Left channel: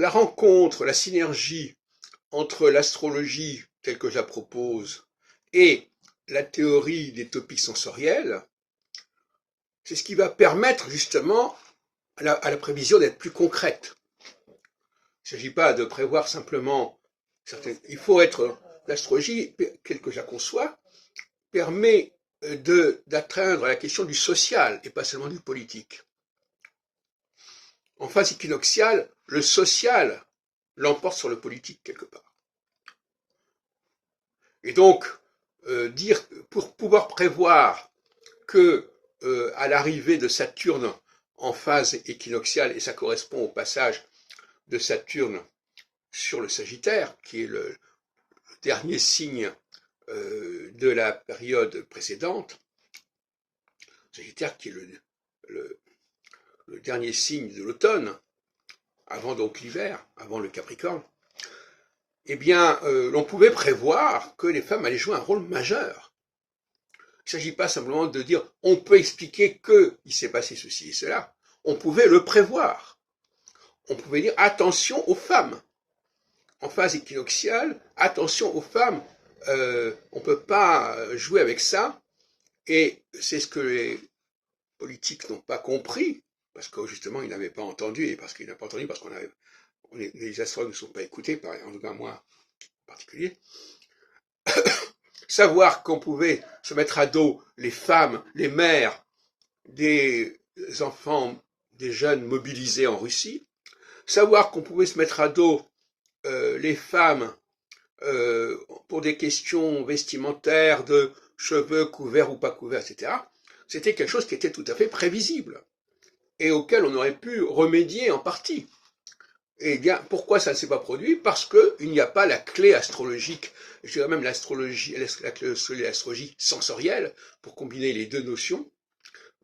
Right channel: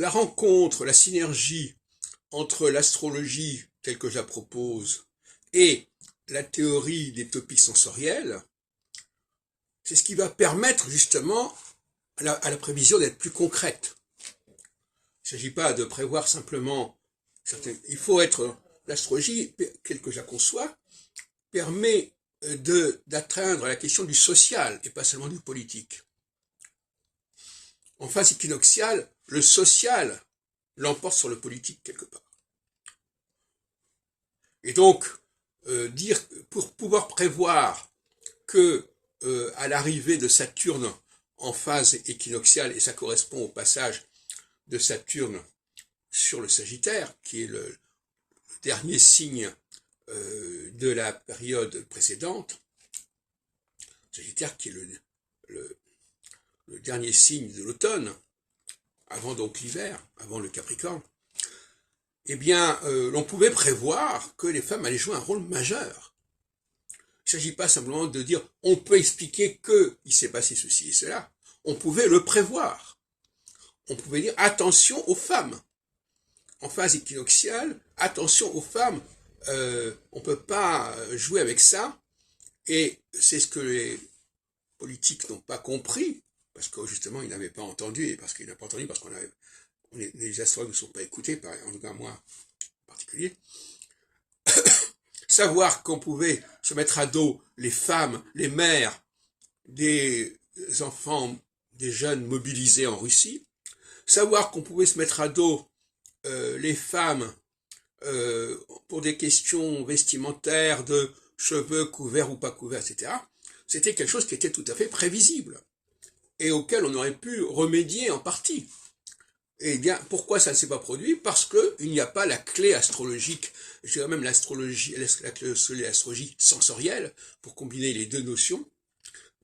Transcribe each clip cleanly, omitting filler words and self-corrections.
la rencontre, la synergie entre l'astrologie telle que je la propose et la théorie des topiques sensorielles, c'est ce qui va permettre justement à la prévision d'être plus concrète. Il ne s'agit pas de prévoir simplement il faut être, l'astrologie, telle que je la conçois, permet d'atteindre la question du social et pas seulement du politique. En phase équinoxiale, le social l'emporte sur le politique quelque part. Et donc, pour pouvoir prévoir que à l'arrivée de Saturne en phase équinoxiale, et ça correspond au passage de Saturne sur le Sagittaire, qui est le dernier signe de la période précédente, Sagittaire qui est le dernier signe de l'automne, avant donc l'hiver, avant le Capricorne, eh bien, l'on pouvait prévoir que les femmes allaient jouer un rôle majeur. Il ne s'agit pas simplement de dire on peut expliquer qu'il s'est passé ceci et cela, on pouvait le prévoir. On pouvait dire attention aux femmes. En phase équinoxiale, attention aux femmes, on ne peut pas jouer avec ça, et c'est ce que les politiques n'ont pas compris, parce que justement ils n'avaient pas entendu, et parce qu'ils n'avaient pas entendu, parce qu'on avait, les astrologues ne sont pas écoutés, en tout cas moi en particulier, savoir qu'on pouvait se mettre à dos les femmes, les mères des enfants, des jeunes mobilisés en Russie, savoir qu'on pouvait se mettre à dos les femmes pour des questions vestimentaires, de cheveux couverts ou pas couverts, etc., c'était quelque chose qui était tout à fait prévisible et auquel on aurait pu remédier en partie. Et bien, pourquoi ça ne s'est pas produit? Parce qu'il n'y a pas la clé astrologique, je dirais même l'astrologie, la clé astrologie sensorielle, pour combiner les deux notions,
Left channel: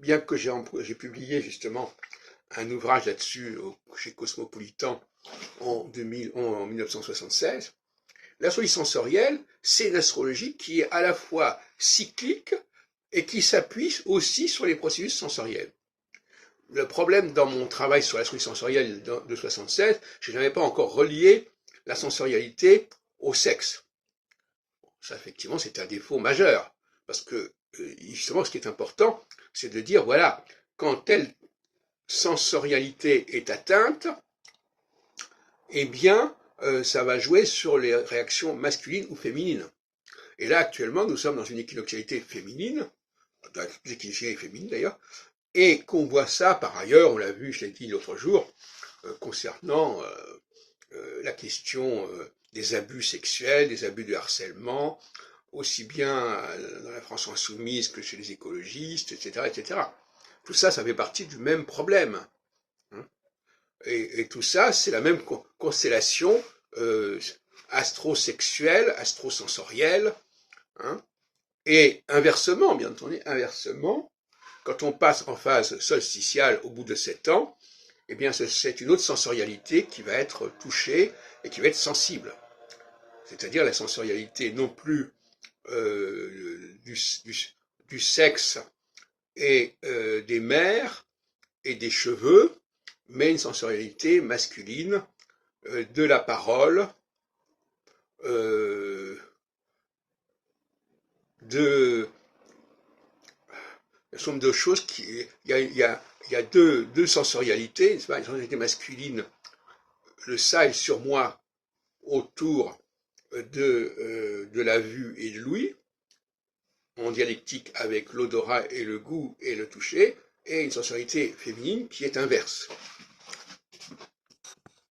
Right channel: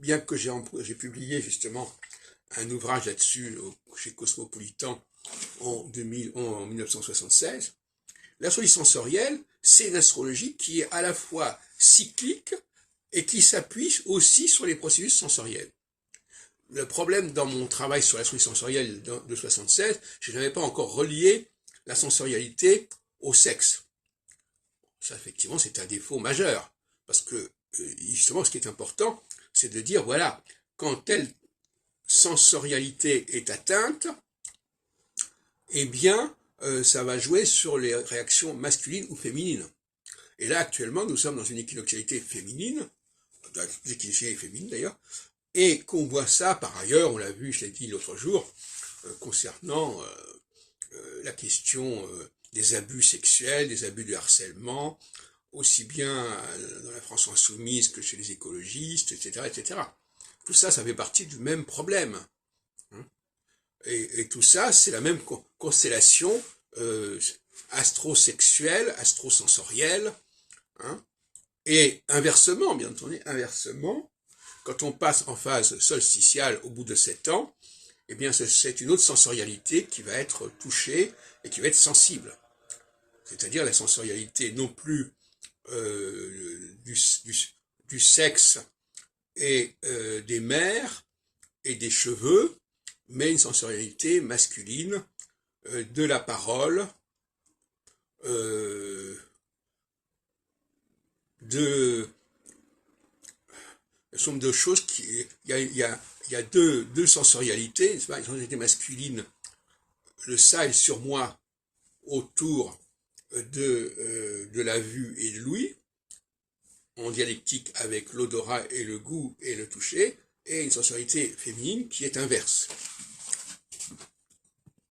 bien que j'ai publié justement un ouvrage là-dessus chez Cosmopolitan en 1976. L'astrologie sensorielle, c'est une astrologie qui est à la fois cyclique et qui s'appuie aussi sur les processus sensoriels. Le problème dans mon travail sur l'astrologie sensorielle de 76, je n'avais pas encore relié la sensorialité au sexe. Ça, effectivement, c'est un défaut majeur, parce que justement, ce qui est important, c'est de dire, voilà, quand telle sensorialité est atteinte, eh bien, ça va jouer sur les réactions masculines ou féminines. Et là, actuellement, nous sommes dans une équinoxialité féminine, une équinoxialité féminine d'ailleurs, et qu'on voit ça, par ailleurs, on l'a vu, je l'ai dit l'autre jour, concernant la question des abus sexuels, des abus de harcèlement, aussi bien dans la France insoumise que chez les écologistes, etc., etc. Tout ça, ça fait partie du même problème. Et tout ça, c'est la même constellation astrosexuelle, astrosensorielle. Et inversement, bien entendu, quand on passe en phase solsticiale au bout de 7 ans, eh bien c'est une autre sensorialité qui va être touchée et qui va être sensible. C'est-à-dire la sensorialité non plus du sexe et des mères et des cheveux, mais une sensorialité masculine de la parole, de somme de choses il y a deux sensorialités, une sensorialité masculine, le ça et sur moi autour de la vue et de l'ouïe, en dialectique avec l'odorat et le goût et le toucher, et une sensorialité féminine qui est inverse.